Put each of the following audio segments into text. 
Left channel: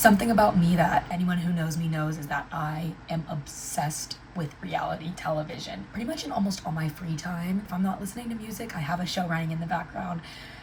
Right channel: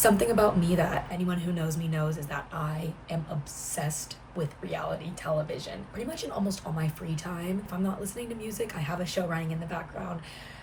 Something about me that anyone who knows me knows is that I am obsessed with reality television. Pretty much in almost all my free time, if I'm not listening to music, I have a show running in the background.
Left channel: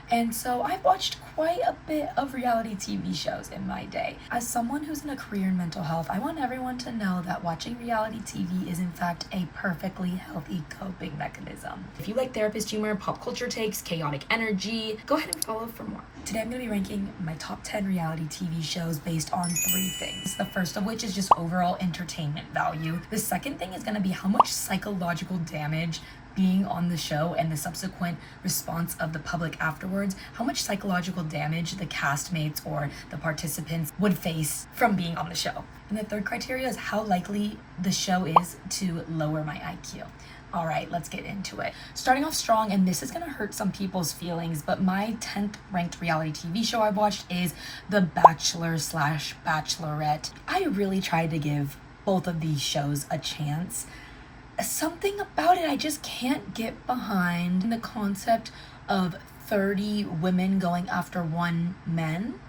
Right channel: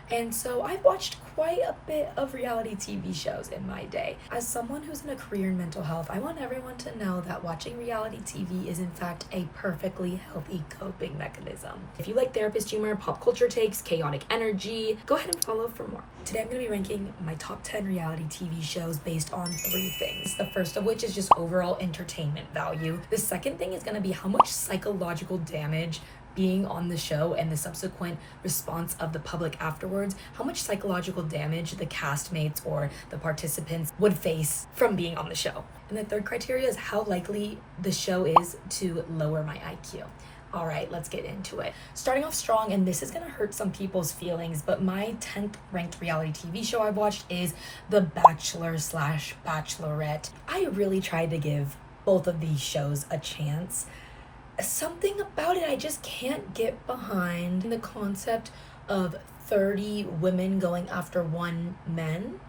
And so I've watched quite a bit of reality TV shows in my day. As someone who's in a career in mental health, I want everyone to know that watching reality TV is in fact a perfectly healthy coping mechanism. If you like therapist humor, pop culture takes, chaotic energy, go ahead and follow for more. Today I'm going to be ranking my top 10 reality TV shows based on 3 things. The first of which is just overall entertainment value. The second thing is going to be how much psychological damage being on the show and the subsequent response of the public afterwards, how much psychological damage the castmates or the participants would face from being on the show. And the third criteria is how likely the show is to lower my IQ. All right, let's get into it. Starting off strong, and this is gonna hurt some people's feelings, but my 10th ranked reality TV show I watched is The Bachelor/Bachelorette. I really tried to give both of these shows a chance. Something about it I just can't get behind. The concept of 30 women going after one man.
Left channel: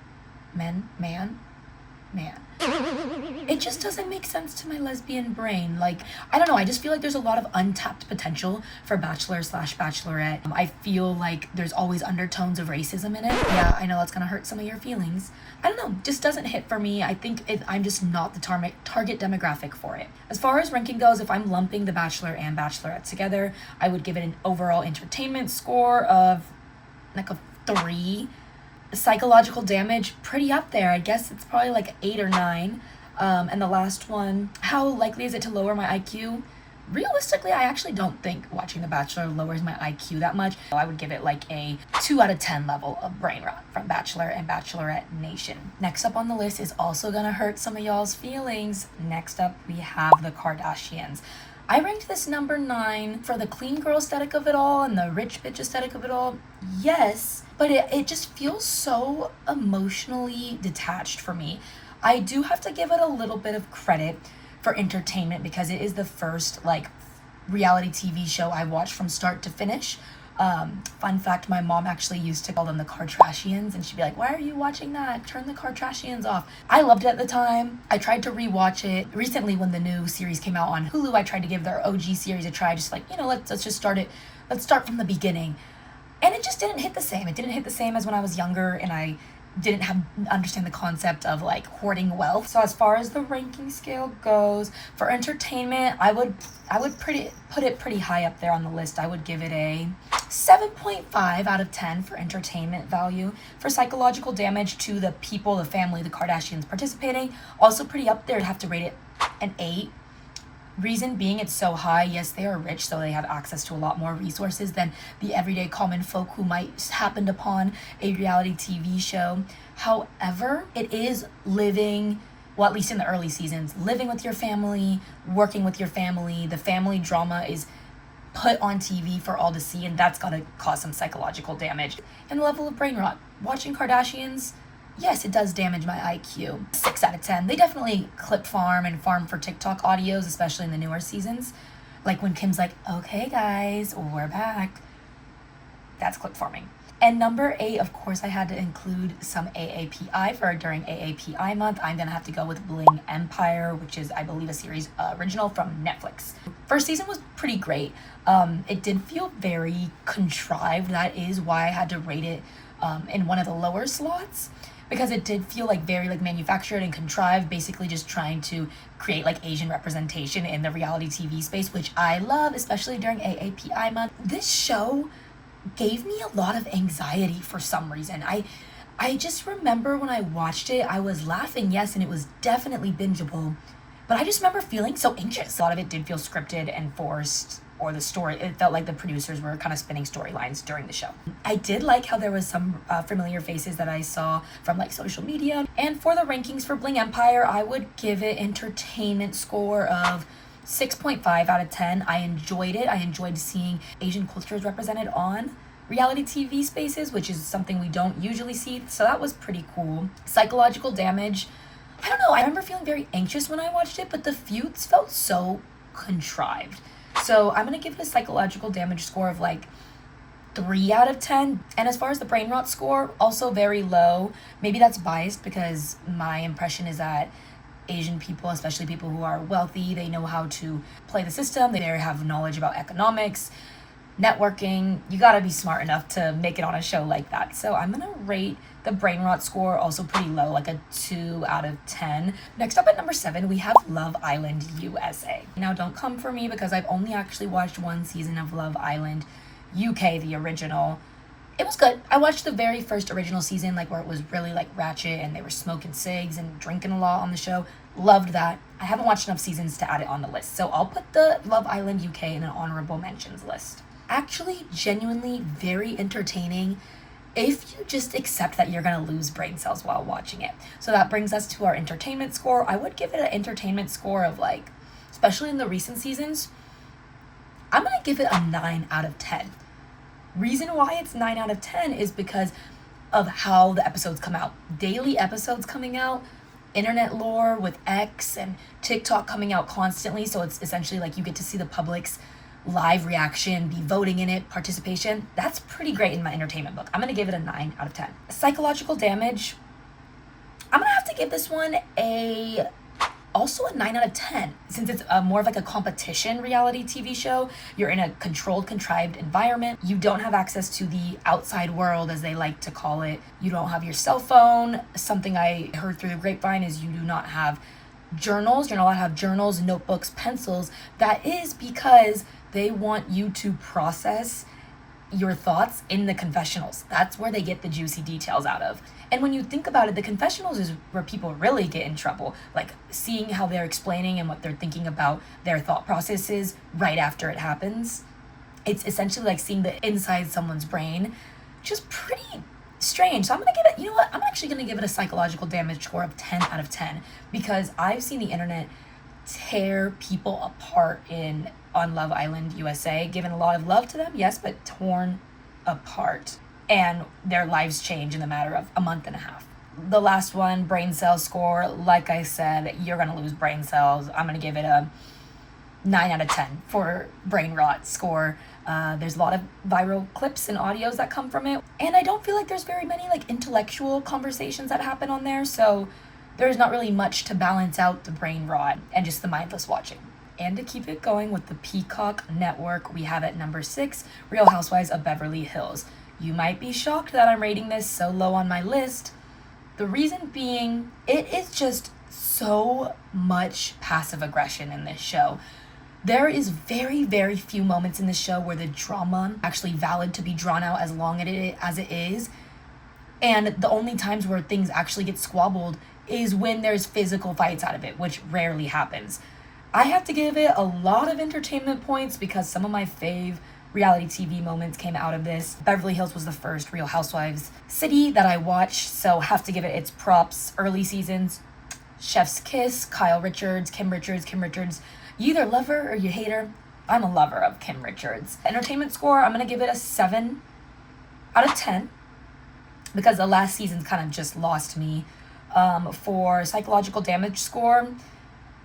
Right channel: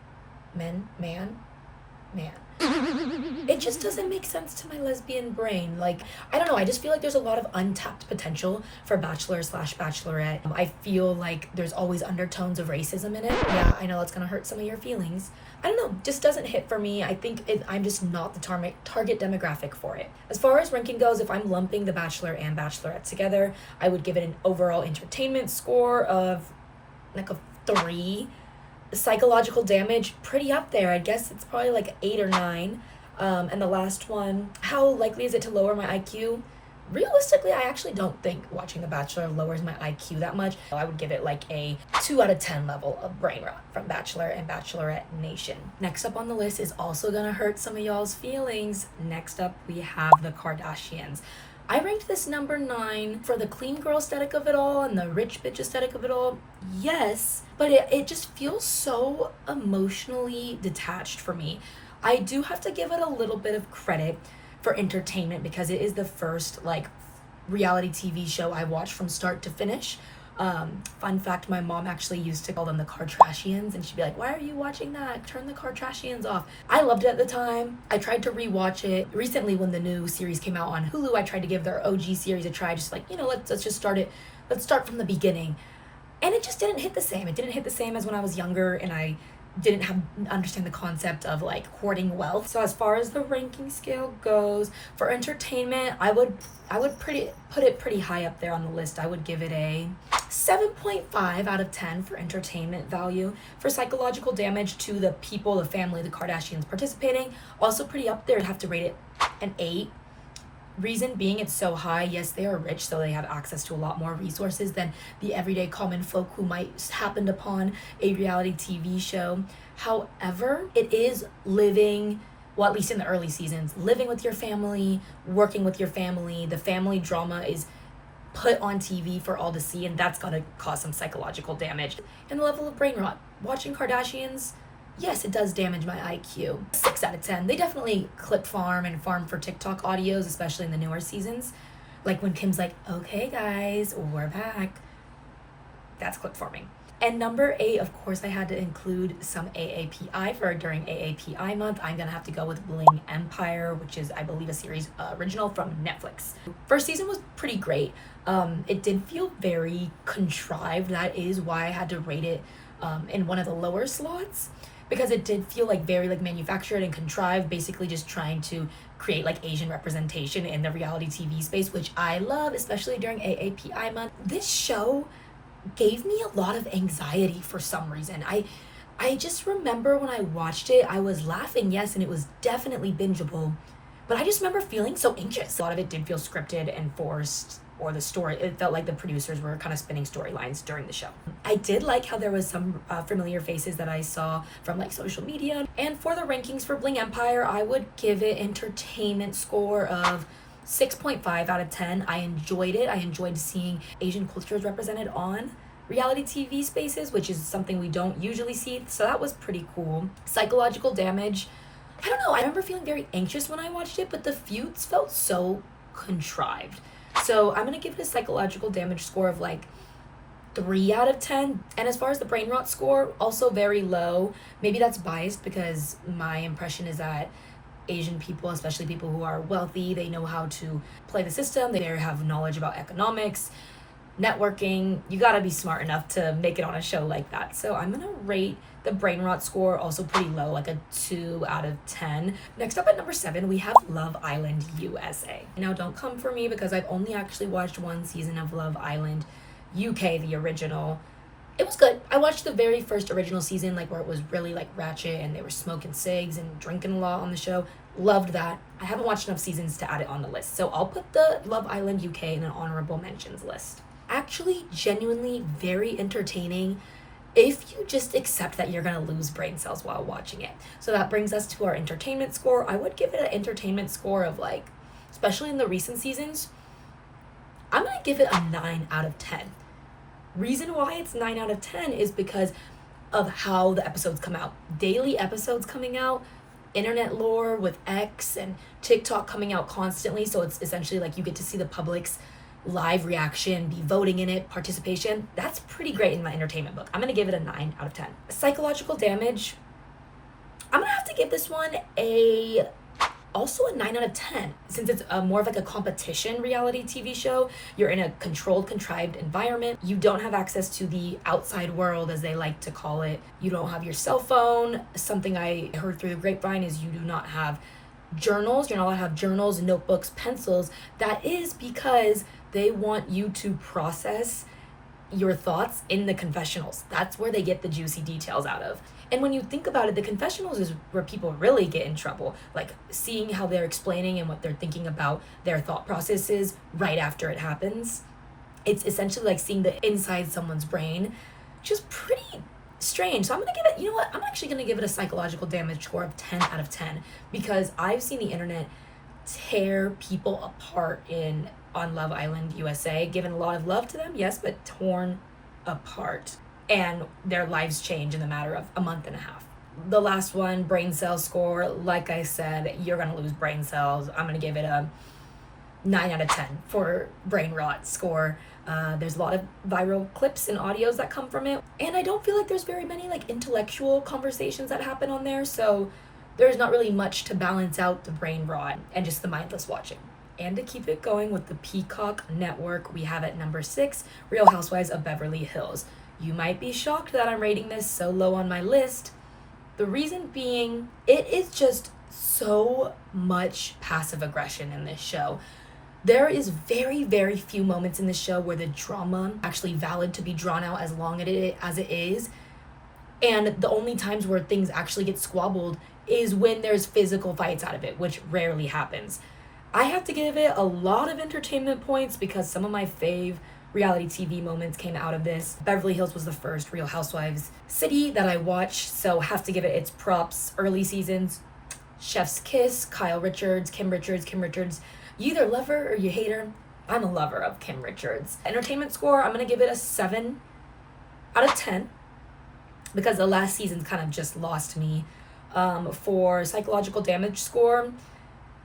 It just doesn't make sense to my lesbian brain. Like, I don't know, I just feel like there's a lot of untapped potential for Bachelor/Bachelorette. I feel like there's always undertones of racism in it. Yeah, I know it's gonna hurt some of your feelings. I don't know, just doesn't hit for me. I think I'm just not the target demographic for it. As far as ranking goes, if I'm lumping The Bachelor and Bachelorette together, I would give it an overall entertainment score of like a 3. Psychological damage, pretty up there. I guess it's probably like 8 or 9. And the last one, how likely is it to lower my IQ? Realistically, I actually don't think watching The Bachelor lowers my IQ that much. I would give it like a 2 out of 10 level of brain rot from Bachelor and Bachelorette Nation. Next up on the list is also gonna hurt some of y'all's feelings. Next up, we have the Kardashians. I ranked this number 9 for the clean girl aesthetic of it all and the rich bitch aesthetic of it all. Yes, but it just feels so emotionally detached for me. I do have to give it a little bit of credit for entertainment because it is the first like reality TV show I watched from start to finish. Fun fact, my mom actually used to call them the Kardashians, and she'd be like, why are you watching that? Turn the Kardashians off. I loved it at the time. I tried to rewatch it recently when the new series came out on Hulu. I tried to give their OG series a try, just like, let's just start it. Let's start from the beginning. And it just didn't hit the same. It didn't hit the same as when I was younger and I didn't understand the concept of like hoarding wealth. So as far as the ranking scale goes, for entertainment, I would put it pretty high up there on the list. I would give it a 7.5 out of 10 for entertainment value. For psychological damage to the people, the family, the Kardashians participating, also pretty up there. I'd have to rate it an 8. Reason being it's so high, yes, they are rich, so they have access to a lot more resources than the everyday common folk who might happen upon a reality TV show. However, it is living, well, at least in the early seasons, living with your family, working with your family. The family drama is put on TV for all to see, and that's gotta cause some psychological damage. And the level of brain rot. Watching Kardashians, yes, it does damage my IQ. 6 out of 10. They definitely clip farm and farm for TikTok audios, especially in the newer seasons. Like when Kim's like, okay guys, we're back. That's clip farming. And number 8, of course, I had to include some AAPI for during AAPI month. I'm gonna have to go with Bling Empire, which is, I believe, a series original from Netflix. First season was pretty great. It did feel very contrived. That is why I had to rate it in one of the lower slots, because it did feel like very like manufactured and contrived, basically just trying to create like Asian representation in the reality TV space, which I love, especially during AAPI month. This show gave me a lot of anxiety for some reason. I just remember when I watched it, I was laughing, yes, and it was definitely bingeable, but I just remember feeling so anxious. A lot of it did feel scripted and forced, or the story, it felt like the producers were kind of spinning storylines during the show. I did like how there was some familiar faces that I saw from like social media. And for the rankings for Bling Empire, I would give it entertainment score of 6.5 out of 10. I enjoyed it. I enjoyed seeing Asian cultures represented on reality TV spaces, which is something we don't usually see. So that was pretty cool. Psychological damage, I don't know. I remember feeling very anxious when I watched it, but the feuds felt so contrived. So I'm gonna give it a psychological damage score of like 3 out of 10. And as far as the brain rot score, also very low. Maybe that's biased because my impression is that Asian people, especially people who are wealthy, they know how to play the system. They have knowledge about economics, networking. You gotta be smart enough to make it on a show like that. So I'm gonna rate the brain rot score also pretty low, like a 2 out of 10. Next up at number 7, we have Love Island USA. Now don't come for me because I've only actually watched one season of Love Island UK, the original. It was good. I watched the very first original season, like where it was really like ratchet and they were smoking cigs and drinking a lot on the show. Loved that. I haven't watched enough seasons to add it on the list. So I'll put the Love Island UK in an honorable mentions list. Actually, genuinely very entertaining if you just accept that you're gonna lose brain cells while watching it. So that brings us to our entertainment score. I would give it an entertainment score of like, especially in the recent seasons, I'm gonna give it a 9 out of 10. Reason why it's 9 out of 10 is because of how the episodes come out. Daily episodes coming out, internet lore with X and TikTok coming out constantly. So it's essentially like you get to see the public's live reaction, be voting in it, participation. That's pretty great in my entertainment book. I'm gonna give it a 9 out of 10. Psychological damage, I'm gonna have to give this one also a 9 out of 10. Since it's more of like a competition reality TV show, you're in a controlled, contrived environment. You don't have access to the outside world, as they like to call it. You don't have your cell phone. Something I heard through the grapevine is you do not have journals. You're not allowed to have journals, notebooks, pencils. That is because they want you to process your thoughts in the confessionals. That's where they get the juicy details out of. And when you think about it, the confessionals is where people really get in trouble. Like seeing how they're explaining and what they're thinking about their thought processes right after it happens. It's essentially like seeing the inside someone's brain, which is pretty strange. So I'm gonna give it, you know what? I'm actually gonna give it a psychological damage score of 10 out of 10 because I've seen the internet tear people apart on Love Island USA, given a lot of love to them, yes, but torn apart. And their lives change in the matter of a month and a half. The last one, brain cell score, like I said, you're gonna lose brain cells. I'm gonna give it a 9 out of 10 for brain rot score. There's a lot of viral clips and audios that come from it. And I don't feel like there's very many like intellectual conversations that happen on there. So there's not really much to balance out the brain rot and just the mindless watching. And to keep it going with the Peacock Network, we have at number 6, Real Housewives of Beverly Hills. You might be shocked that I'm rating this so low on my list. The reason being, it is just so much passive aggression in this show. There is very, very few moments in this show where the drama actually valid to be drawn out as long as it is. And the only times where things actually get squabbled is when there's physical fights out of it, which rarely happens. I have to give it a lot of entertainment points because some of my fave reality TV moments came out of this. Beverly Hills was the first Real Housewives city that I watched, so have to give it its props. Early seasons, Chef's Kiss, Kyle Richards, Kim Richards. You either love her or you hate her. I'm a lover of Kim Richards. Entertainment score, I'm gonna give it a 7 out of 10 because the last season's kind of just lost me. For psychological damage score,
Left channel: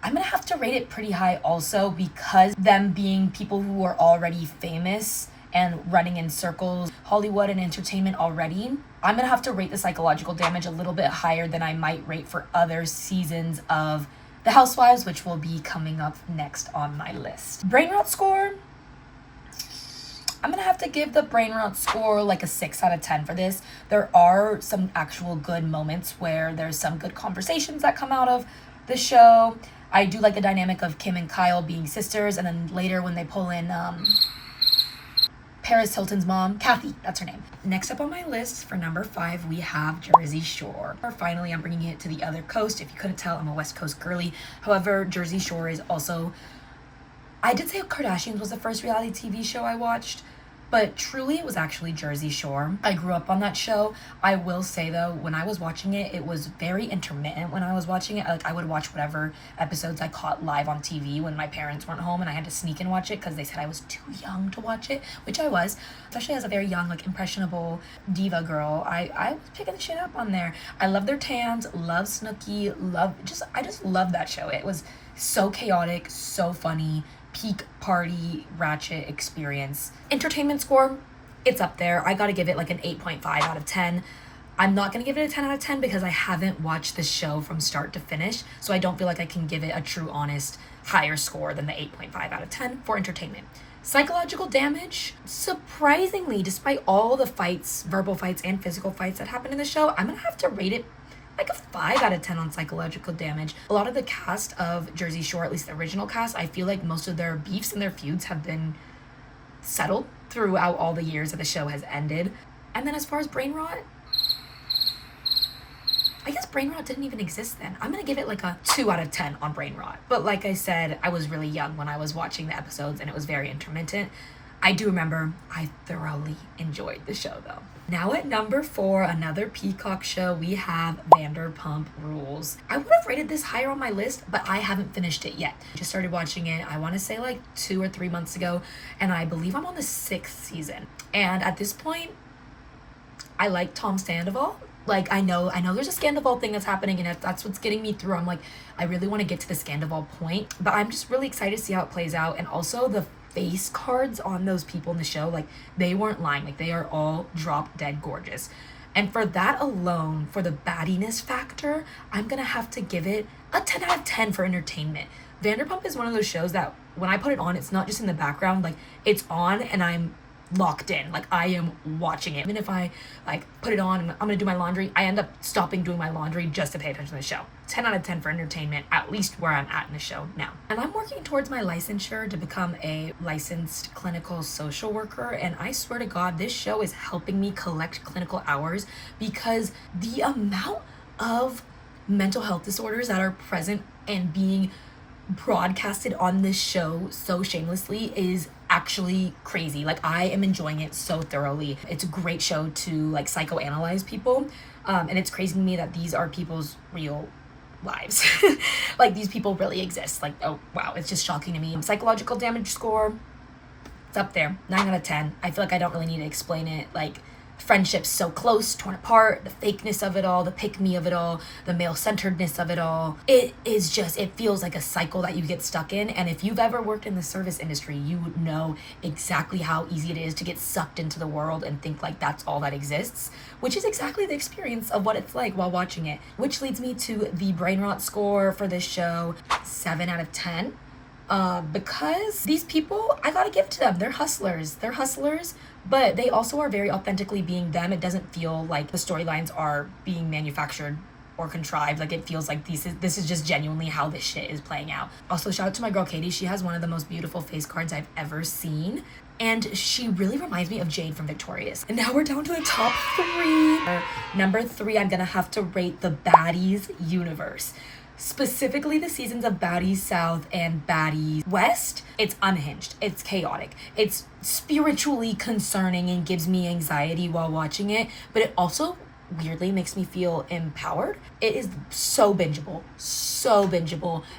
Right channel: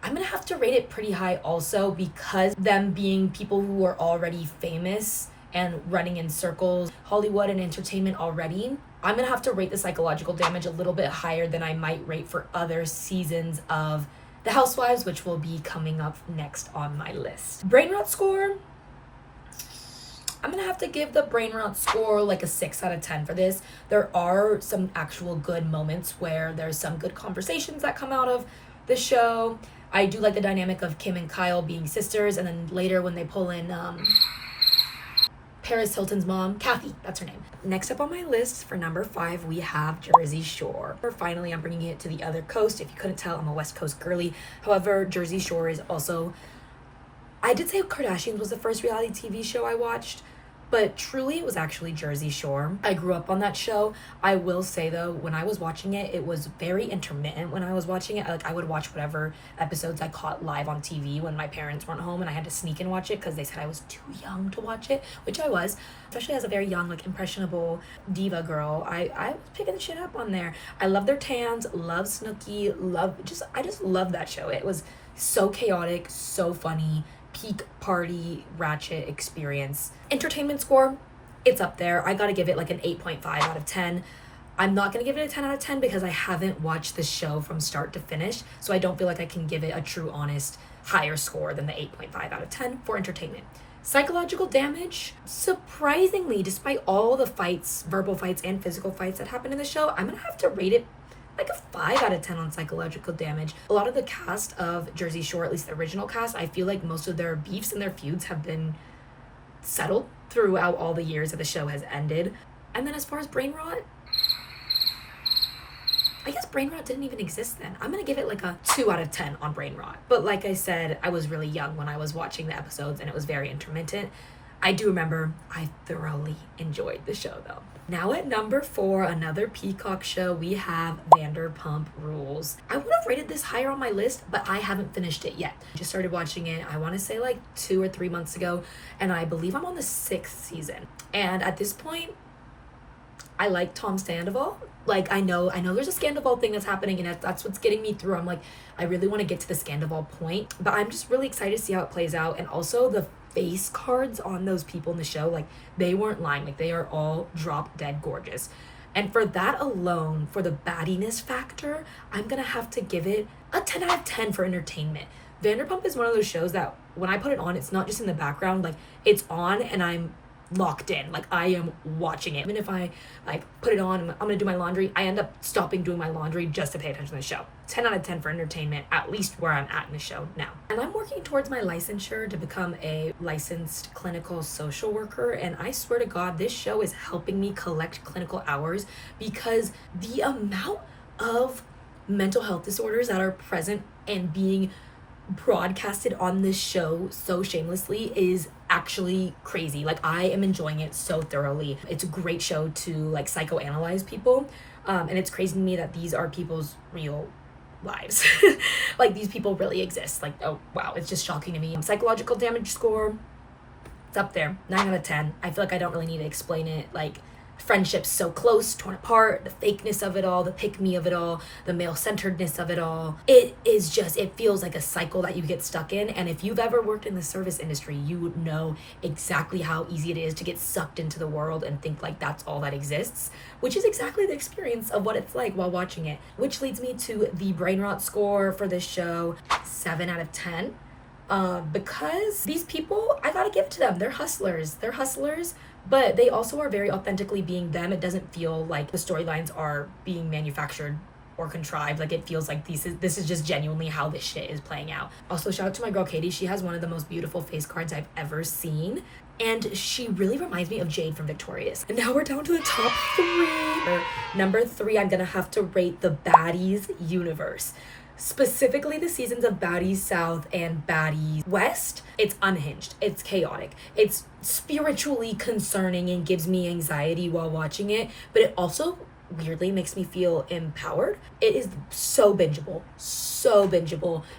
I'm gonna have to rate it pretty high also because them being people who are already famous and running in circles, Hollywood and entertainment already, I'm gonna have to rate the psychological damage a little bit higher than I might rate for other seasons of The Housewives, which will be coming up next on my list. Brain rot score, I'm gonna have to give the brain rot score like a 6 out of 10 for this. There are some actual good moments where there's some good conversations that come out of the show. I do like the dynamic of Kim and Kyle being sisters, and then later when they pull in Paris Hilton's mom, Kathy, that's her name. Next up on my list for number 5, we have Jersey Shore. Finally, I'm bringing it to the other coast. If you couldn't tell, I'm a West Coast girly. However, Jersey Shore is also, I did say Kardashians was the first reality TV show I watched, but truly it was actually Jersey Shore. I grew up on that show. I will say though, when I was watching it, it was very intermittent when I was watching it. Like I would watch whatever episodes I caught live on TV when my parents weren't home and I had to sneak and watch it because they said I was too young to watch it, which I was, especially as a very young, like impressionable diva girl. I was picking the shit up on there. I love their tans, love Snooki, I just love that show. It was so chaotic, so funny, peak party ratchet experience. Entertainment score, it's up there. I gotta give it like an 8.5 out of 10. I'm not gonna give it a 10 out of 10 because I haven't watched the show from start to finish, so I don't feel like I can give it a true, honest, higher score than the 8.5 out of 10 for entertainment. Psychological damage, surprisingly, despite all the fights, verbal fights and physical fights that happen in the show, I'm gonna have to rate it like a 5 out of 10 on psychological damage. A lot of the cast of Jersey Shore, at least the original cast, I feel like most of their beefs and their feuds have been settled throughout all the years that the show has ended. And then as far as brain rot, I guess brain rot didn't even exist then. I'm gonna give it like a 2 out of 10 on brain rot. But like I said, I was really young when I was watching the episodes and it was very intermittent. I do remember I thoroughly enjoyed the show though. Now at number 4, another Peacock show, we have Vanderpump Rules. I would have rated this higher on my list, but I haven't finished it yet. Just started watching it, I want to say like 2 or 3 months ago, and I believe I'm on the 6th season. And at this point, I like Tom Sandoval. Like, I know there's a Sandoval thing that's happening, and that's what's getting me through. I'm like, I really want to get to the Sandoval point, but I'm just really excited to see how it plays out. And also the face cards on those people in the show, like, they weren't lying. Like, they are all drop dead gorgeous. And for that alone, for the baddiness factor, I'm gonna have to give it a 10 out of 10 for entertainment. Vanderpump is one of those shows that when I put it on, it's not just in the background, like, it's on and I'm locked in. Like, I am watching it. Even if I like put it on and I'm gonna do my laundry, I end up stopping doing my laundry just to pay attention to the show. 10 out of 10 for entertainment, at least where I'm at in the show now. And I'm working towards my licensure to become a licensed clinical social worker, and I swear to God, this show is helping me collect clinical hours because the amount of mental health disorders that are present and being broadcasted on this show so shamelessly is actually crazy. Like, I am enjoying it so thoroughly. It's a great show to like psychoanalyze people, and it's crazy to me that these are people's real lives. Like, these people really exist. Like, oh wow, it's just shocking to me. Psychological damage score, it's up there, 9 out of 10. I feel like I don't really need to explain it. Like, friendships so close, torn apart, the fakeness of it all, the pick-me of it all, the male-centeredness of it all. It is just, it feels like a cycle that you get stuck in. And if you've ever worked in the service industry, you would know exactly how easy it is to get sucked into the world and think like that's all that exists, which is exactly the experience of what it's like while watching it. Which leads me to the brain rot score for this show, 7 out of 10. Because these people, I gotta give it to them. They're hustlers, but they also are very authentically being them. It doesn't feel like the storylines are being manufactured or contrived. Like, it feels like this is just genuinely how this shit is playing out. Also, shout out to my girl Katie. She has one of the most beautiful face cards I've ever seen, and she really reminds me of Jade from Victorious. And now we're down to the top 3. Number 3, I'm gonna have to rate the Baddies universe. Specifically the seasons of Baddies South and Baddies West. It's unhinged, it's chaotic, it's spiritually concerning and gives me anxiety while watching it, but it also weirdly makes me feel empowered. It is so bingeable,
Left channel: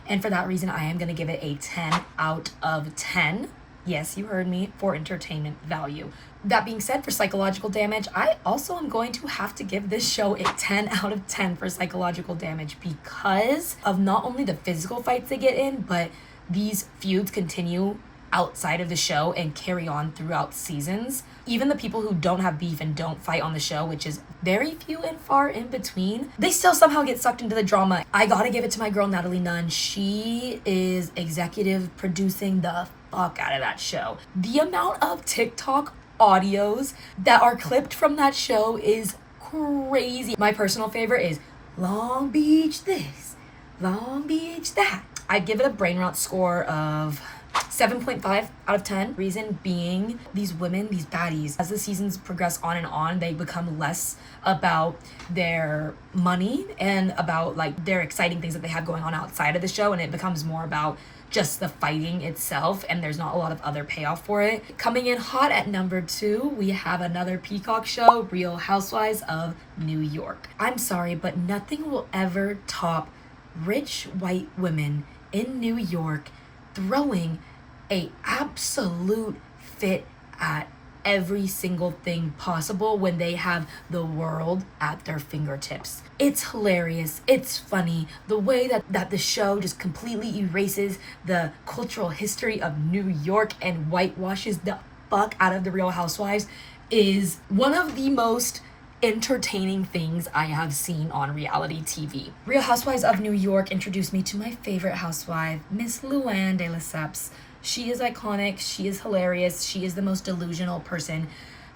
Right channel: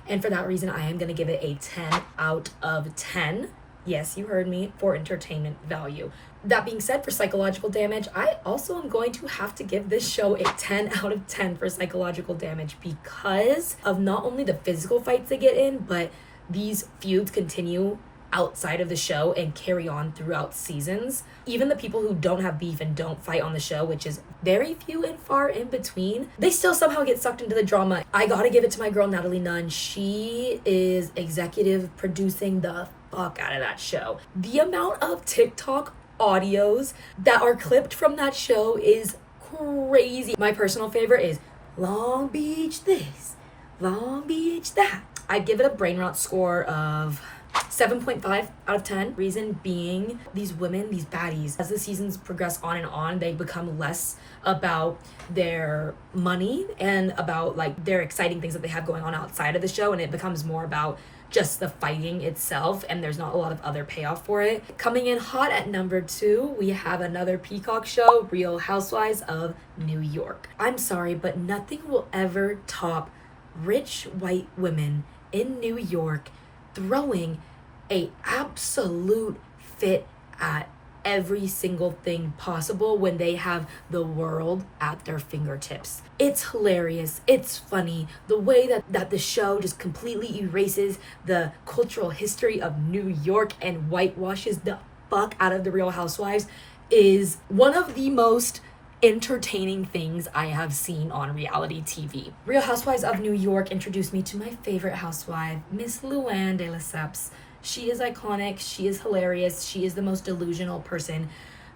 and for that reason I am gonna give it a 10 out of 10. Yes, you heard me, for entertainment value. That being said, for psychological damage, I also am going to have to give this show a 10 out of 10 for psychological damage because of not only the physical fights they get in, but these feuds continue outside of the show and carry on throughout seasons. Even the people who don't have beef and don't fight on the show, which is very few and far in between, they still somehow get sucked into the drama. I gotta give it to my girl Natalie Nunn. She is executive producing the fuck out of that show. The amount of TikTok audios that are clipped from that show is crazy. My personal favorite is Long Beach this, Long Beach that. I'd give it a brain rot score of 7.5 out of 10. Reason being, these women, these baddies, as the seasons progress on, they become less about their money and about like their exciting things that they have going on outside of the show, and it becomes more about just the fighting itself, and there's not a lot of other payoff for it. Coming in hot at number 2, we have another Peacock show, Real Housewives of New York. I'm sorry, but nothing will ever top rich white women in New York throwing a absolute fit at every single thing possible when they have the world at their fingertips. It's hilarious, it's funny, the way that the show just completely erases the cultural history of New York and whitewashes the fuck out of the Real Housewives is one of the most entertaining things I have seen on reality TV. Real Housewives of New York introduced me to my favorite housewife, Miss Luann de Lesseps. She is iconic, she is hilarious, she is the most delusional person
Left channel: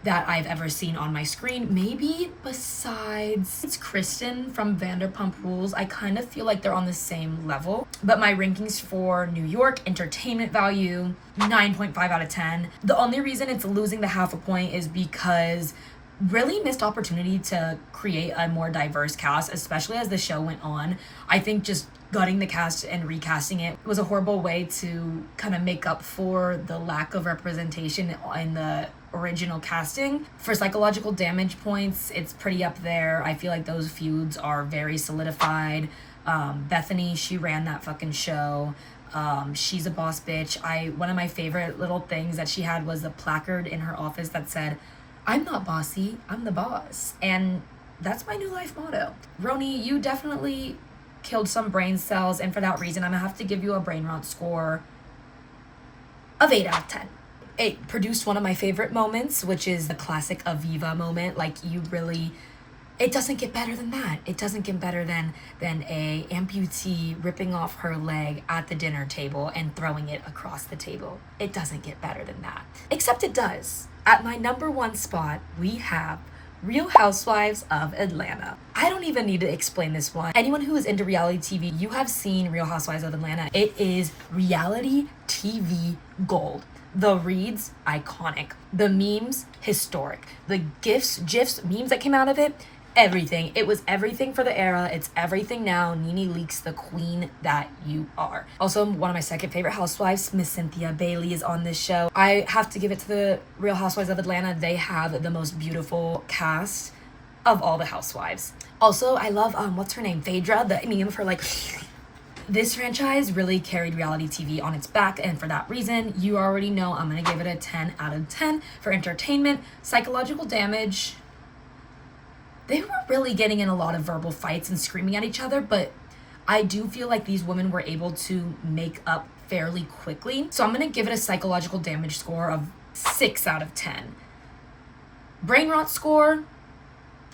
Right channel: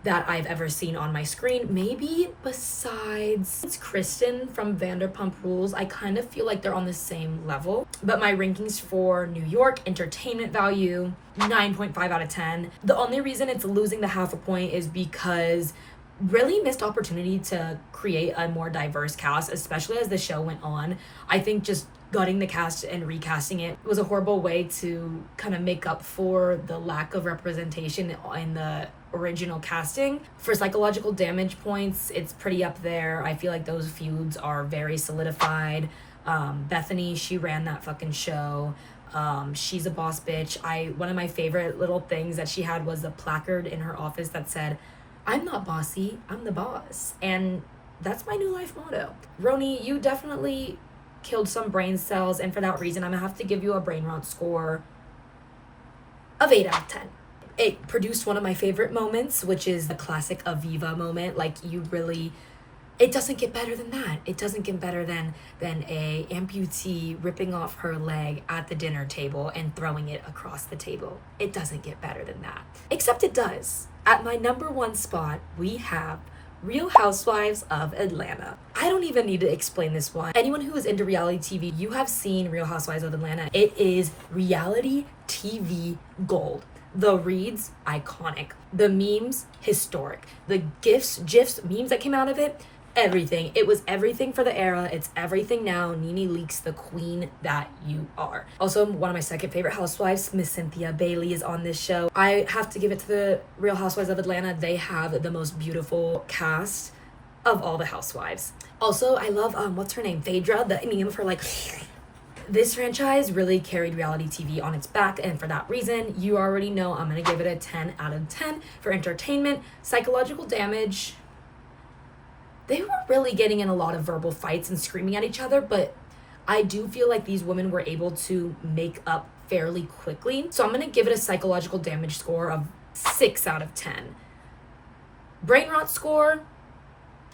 that I've ever seen on my screen. Maybe besides Kristen from Vanderpump Rules. I kind of feel like they're on the same level. But my rankings for New York, entertainment value, 9.5 out of 10. The only reason it's losing the half a point is because really missed opportunity to create a more diverse cast, especially as the show went on. I think just gutting the cast and recasting it was a horrible way to kind of make up for the lack of representation in the original casting. For psychological damage points, it's pretty up there. I feel like those feuds are very solidified. Bethany, she ran that fucking show. She's a boss bitch. One of my favorite little things that she had was a placard in her office that said, "I'm not bossy, I'm the boss." And that's my new life motto. Roni, you definitely killed some brain cells, and for that reason, I'm gonna have to give you a brain rot score of 8 out of 10. It produced one of my favorite moments, which is the classic Aviva moment. Like, it doesn't get better than that. It doesn't get better than a amputee ripping off her leg at the dinner table and throwing it across the table. It doesn't get better than that. Except it does. At my number 1 spot, we have Real Housewives of Atlanta. I don't even need to explain this one. Anyone who is into reality TV, you have seen Real Housewives of Atlanta. It is reality TV gold. The reads, iconic. The memes, historic. The GIFs, memes that came out of it, everything. It was everything for the era. It's everything now. Nene Leakes, the queen that you are. Also, one of my second favorite housewives, Miss Cynthia Bailey, is on this show. I have to give it to the Real Housewives of Atlanta. They have the most beautiful cast of all the housewives. Also, I love, what's her name? Phaedra, the meme of her, like... This franchise really carried reality TV on its back, and for that reason, you already know I'm gonna give it a 10 out of 10 for entertainment. Psychological damage, they were really getting in a lot of verbal fights and screaming at each other, but I do feel like these women were able to make up fairly quickly. So I'm gonna give it a psychological damage score of 6 out of 10. Brain rot score,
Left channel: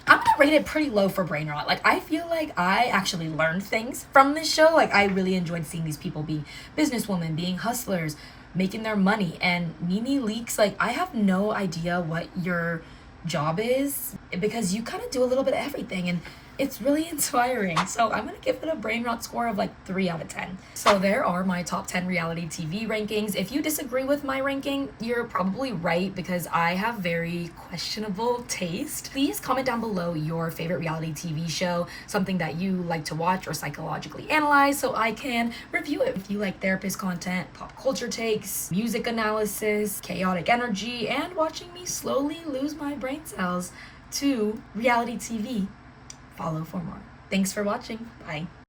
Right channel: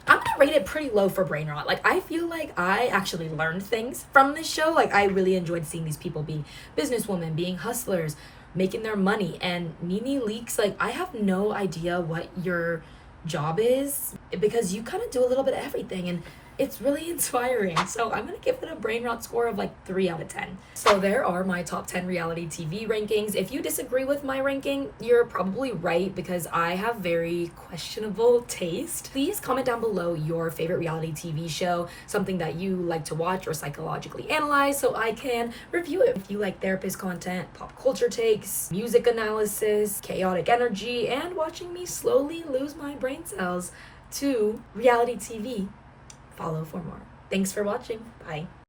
I'm gonna rate it pretty low for brain rot. Like, I feel like I actually learned things from this show. Like, I really enjoyed seeing these people being businesswomen, being hustlers, making their money. And Nene Leakes, like, I have no idea what your job is, because you kind of do a little bit of everything, and it's really inspiring. So I'm gonna give it a brain rot score of like 3 out of 10. So there are my top 10 reality TV rankings. If you disagree with my ranking, you're probably right, because I have very questionable taste. Please comment down below your favorite reality TV show, something that you like to watch or psychologically analyze, so I can review it. If you like therapist content, pop culture takes, music analysis, chaotic energy, and watching me slowly lose my brain cells to reality TV, follow for more. Thanks for watching. Bye.